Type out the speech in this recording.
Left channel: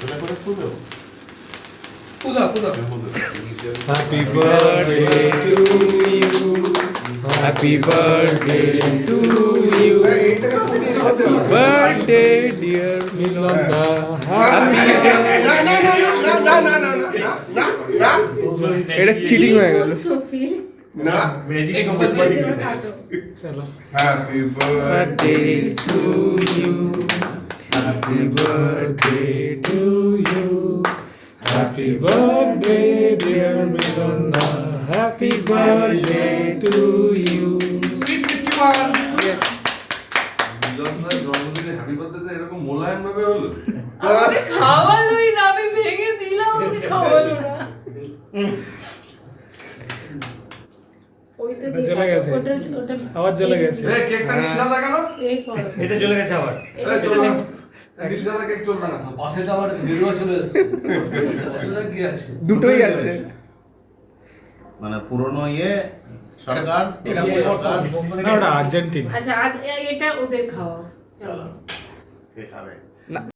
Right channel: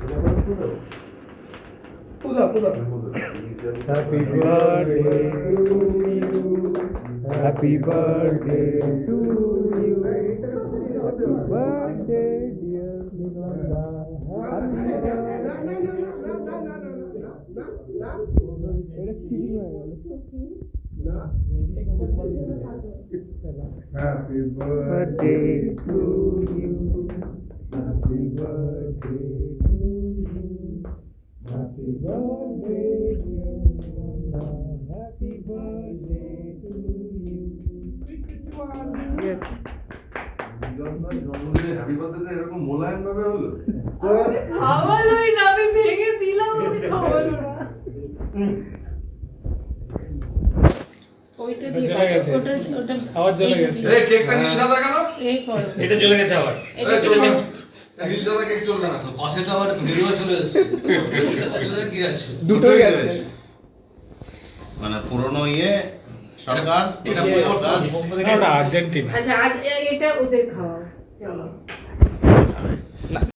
সেটা করে খুঁজো পূজা Happy birthday to you. Happy birthday to you. Happy birthday dear Milona. Happy এটা cheating হয়ে গেল। না ম্যাজিক চলো। Happy Birthday to you. Happy birthday to you. Happy birthday dear Milona. Happy birthday to you. Yes. জন্মদিনে happy birthday এরকম মোলায়েম ভাবে হলো আমাকে খাওয়ালোই না, আমি ভেঙে দিলাম, আমাকে খাওয়ালো না। ওইটা দিয়ে চলে গেছে। ওটা আবার চলে গেছে। এই কেকটা নীল সাদা কেন এই করো। এটা চলে গেছে আবার এই চলবে না। নীল সাদা কেক চলবে না পাশে তো আবার গেরুয়া চলে এসছে আসলে কি আছে দুটোই আছে। মানে পুরনো সরকার এটা সরকার না, ওটা আর্জেন্টিনা। আচ্ছা আজ এটা ওদের খাওয়া, চলো। খাবে। না